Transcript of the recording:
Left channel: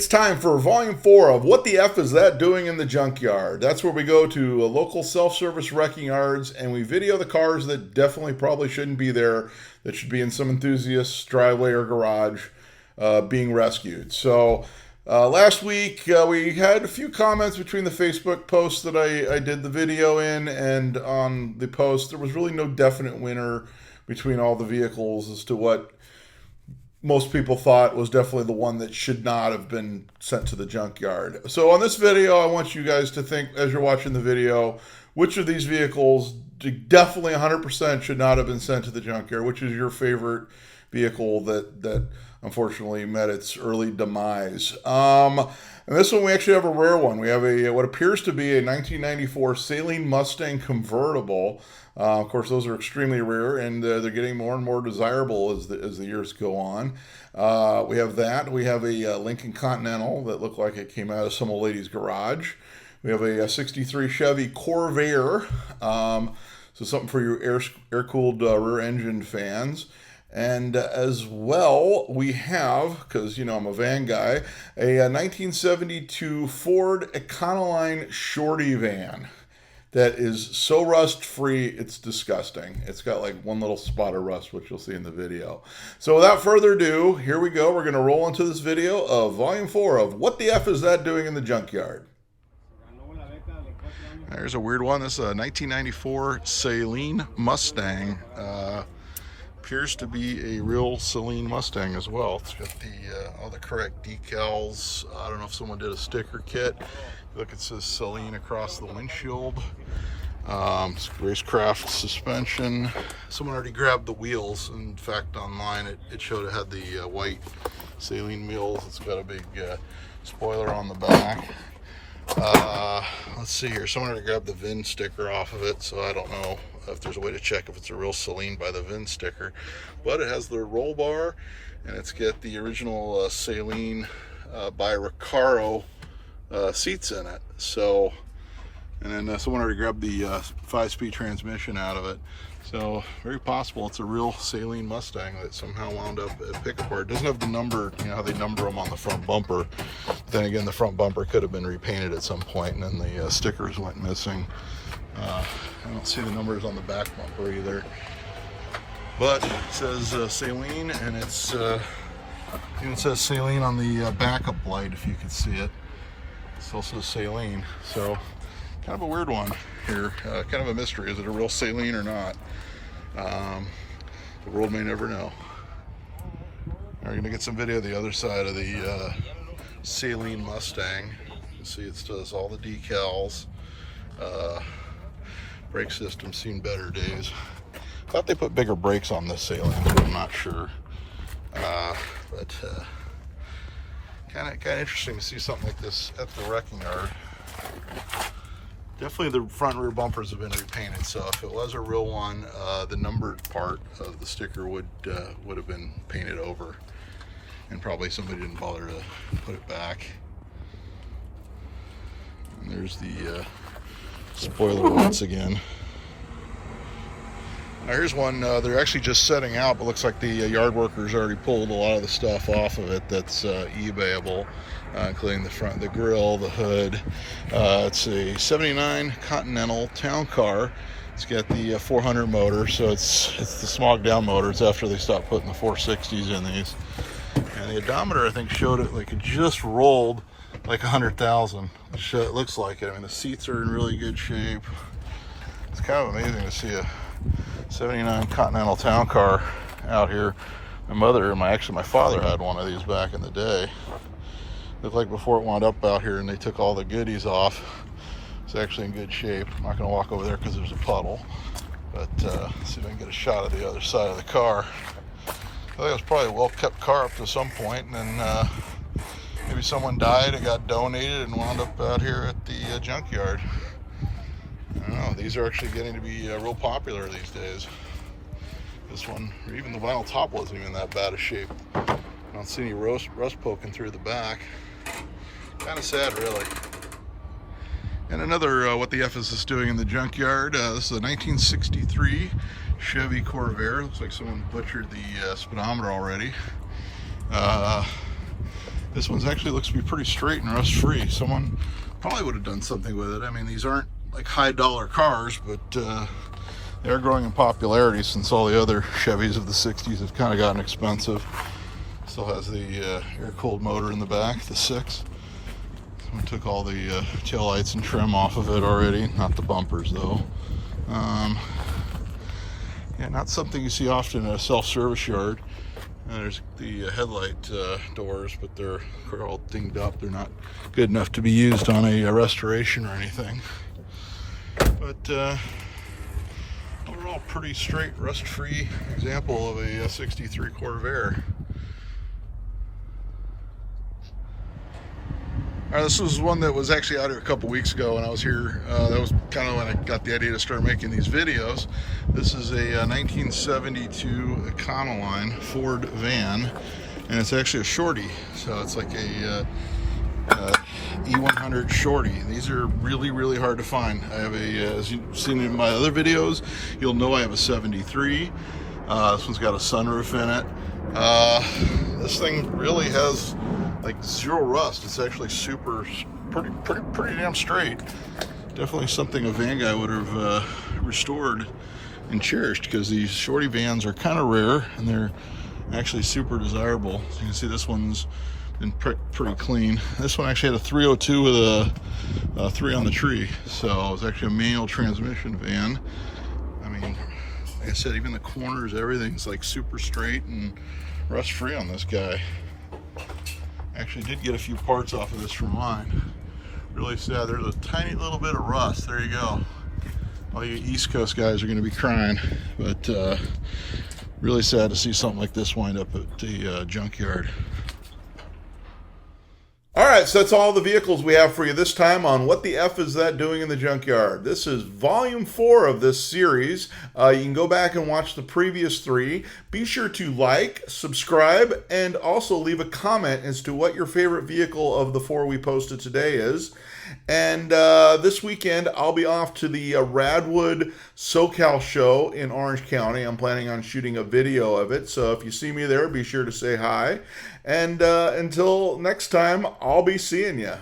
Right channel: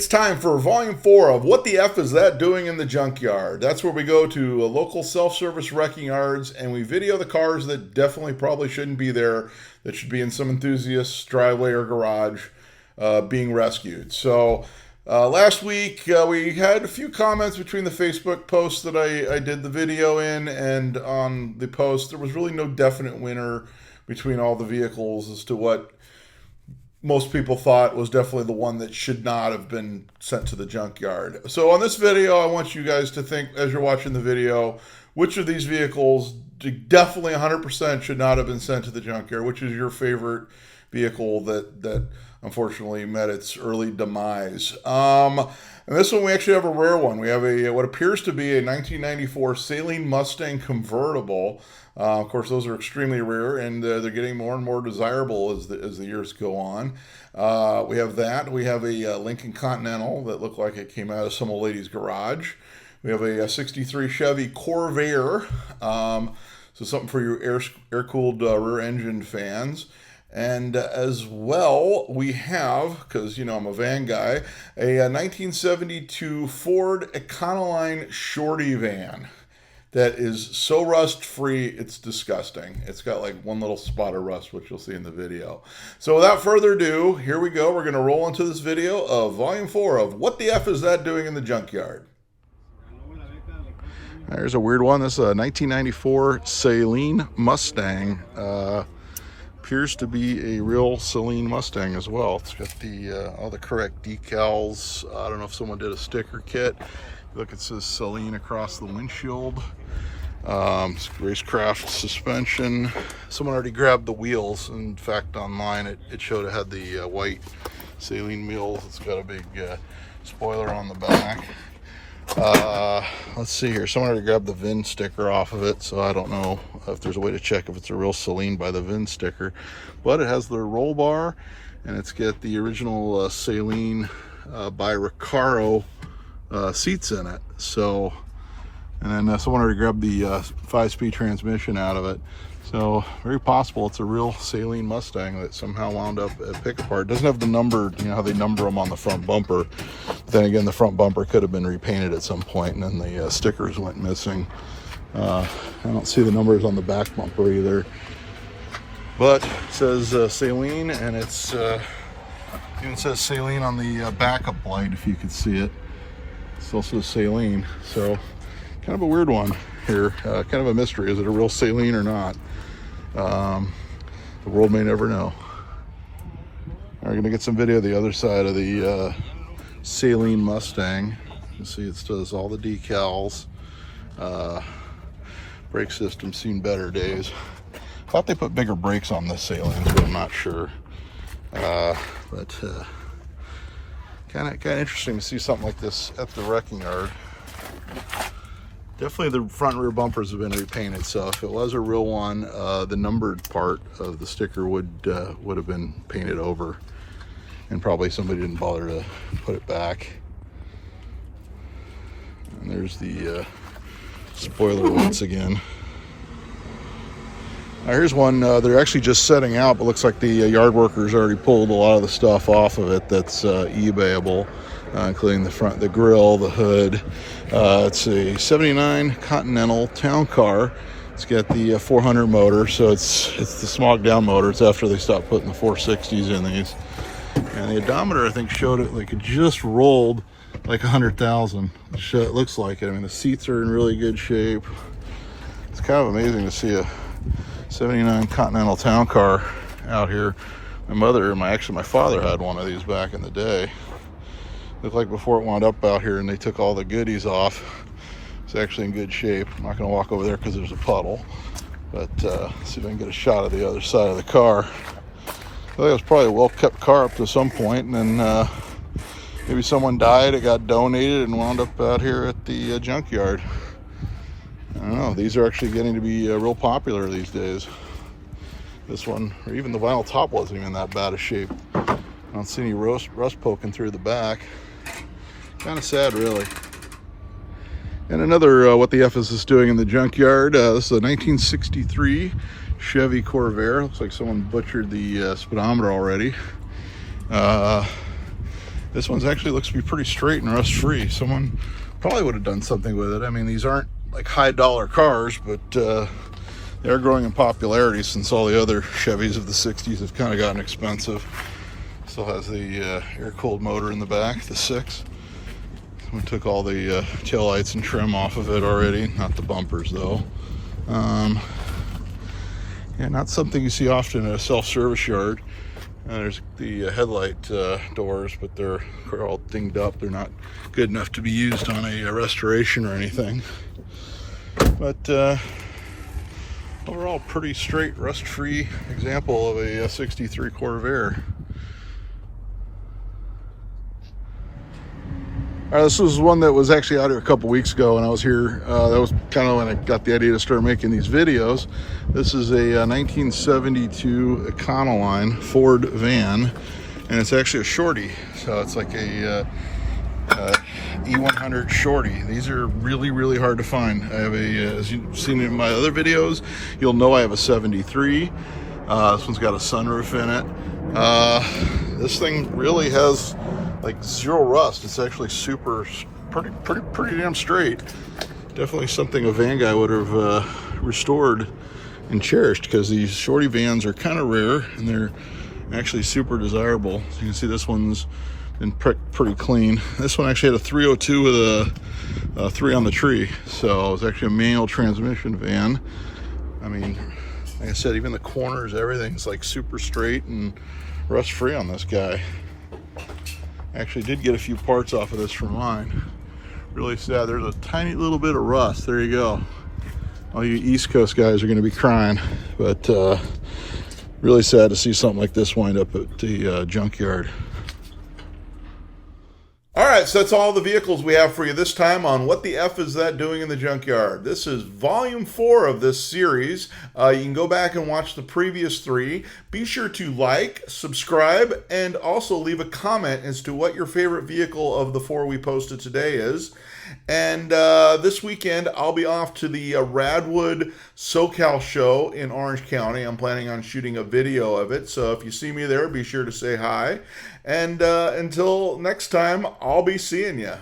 It's time for volume 4 of What the F Is That Doing in the Junkyard? That's where we go to local self-service wrecking yards and we video the cars that definitely probably shouldn't be there, that should be in some enthusiast's driveway or garage being rescued. So last week we had a few comments between the Facebook post that I did the video in and on the post. There was really no definite winner between all the vehicles as to what most people thought was definitely the one that should not have been sent to the junkyard. So on this video, I want you guys to think, as you're watching the video, which of these vehicles definitely 100% should not have been sent to the junkyard. Which is your favorite vehicle that unfortunately met its early demise? And this one, we actually have a rare one. We have a what appears to be a 1994 Saleen Mustang convertible. Of course, those are extremely rare, and they're getting more and more desirable as the years go on. We have that. We have a Lincoln Continental that looked like it came out of some old lady's garage. We have a 63 Chevy Corvair, so something for your air-cooled rear-engine fans. And as well, we have, because, you know, I'm a van guy, a 1972 Ford Econoline Shorty van that is so rust-free, it's disgusting. It's got like one little spot of rust, which you'll see in the video. So without further ado, here we go. We're going to roll into this video of Volume 4 of What the F Is That Doing in the Junkyard? There's a weird one. This is a 1994 Saleen Mustang. Appears to be a real Saleen Mustang as well. It's got the all the correct decals. I don't know if someone did a sticker kit. Look, it says Saleen across the windshield. Racecraft suspension. Someone already grabbed the wheels. In fact, online it showed it had the white Saleen wheels. It's got a big spoiler on the back. Let's see here. Someone already grabbed the VIN sticker off of it, so I don't know if there's a way to check if it's a real Saleen by the VIN sticker. But it has the roll bar, and it's got the original Saleen by Recaro seats in it. So, and then someone already grabbed the 5-speed transmission out of it. So very possible it's a real Saleen Mustang that somehow wound up at pick apart. It doesn't have the number, you know how they number them on the front bumper. But then again, the front bumper could have been repainted at some point, and then the stickers went missing. I don't see the numbers on the back bumper either. But it says Saleen, and it says Saleen on the backup light, if you can see it. It also says Saleen. So kind of a weird one here, kind of a mystery. Is it a real Saleen or not? The world may never know. We're gonna get some video of the other side of the Saleen Mustang. You see it still has all the decals. Brake system seen better days. Thought they put bigger brakes on this Saleen, but I'm not sure. But kind of interesting to see something like this at the wrecking yard. Definitely the front and rear bumpers have been repainted, so if it was a real one, the numbered part of the sticker would have been painted over, and probably somebody didn't bother to put it back. And there's the spoiler once again. Now here's one they're actually just setting out, but looks like the yard workers already pulled a lot of the stuff off of it that's eBayable, including the grill, the hood. It's a 79 Continental Town Car. It's got the 400 motor, so it's the smog down motor. It's after they stopped putting the 460s in these. And the odometer, I think, showed it like it just rolled like 100,000. It looks like it. I mean, the seats are in really good shape. It's kind of amazing to see a 79 Continental Town Car out here. My mother and my father had one of these back in the day. Looked like before it wound up out here and they took all the goodies off. It's actually in good shape. I'm not gonna walk over there because there's a puddle, but see if I can get a shot of the other side of the car. I think it was probably a well-kept car up to some point, and then maybe someone died, it got donated, and wound up out here at the junkyard. I don't know, these are actually getting to be real popular these days. This one, or even the vinyl top, wasn't even that bad of shape. I don't see any rust poking through the back. Kind of sad, really. And another What the F Is This Doing in the Junkyard? This is a 1963 Chevy Corvair. Looks like someone butchered the speedometer already. This one's actually looks to be pretty straight and rust-free. Someone probably would have done something with it. I mean, these aren't like high-dollar cars, but they're growing in popularity since all the other Chevys of the 60s have kind of gotten expensive. Still has the air-cooled motor in the back, the 6. We took all the tail lights and trim off of it already, not the bumpers though. Yeah, not something you see often at a self-service yard. There's the headlight doors, but they're all dinged up. They're not good enough to be used on a restoration or anything. But overall, pretty straight, rust-free example of a 63 Corvair. All right, this was one that was actually out here a couple weeks ago when I was here. That was kind of when I got the idea to start making these videos. This is a 1972 Econoline Ford van, and it's actually a Shorty. So it's like a E100 Shorty. These are really, really hard to find. I have a, as you've seen in my other videos, you'll know I have a 73. This one's got a sunroof in it. This thing really has like zero rust. It's actually pretty damn straight. Definitely something a van guy would have restored and cherished, because these Shorty vans are kind of rare and they're actually super desirable. So you can see this one's been pretty clean. This one actually had a 302 with a 3 on the tree, so it's actually a manual transmission van. I mean, like I said, even the corners, everything's like super straight and rust free on this guy. Actually did get a few parts off of this from mine. Really sad. There's a tiny little bit of rust. There you go. All you East Coast guys are going to be crying. But really sad to see something like this wind up at the junkyard. All right, so that's all the vehicles we have for you this time on What the F Is That Doing in the Junkyard? This is volume 4 of this series. You can go back and watch the previous 3. Be sure to like, subscribe, and also leave a comment as to what your favorite vehicle of the 4 we posted today is. And this weekend, I'll be off to the Radwood SoCal show in Orange County. I'm planning on shooting a video of it, so if you see me there, be sure to say hi. And until next time, I'll be seeing you.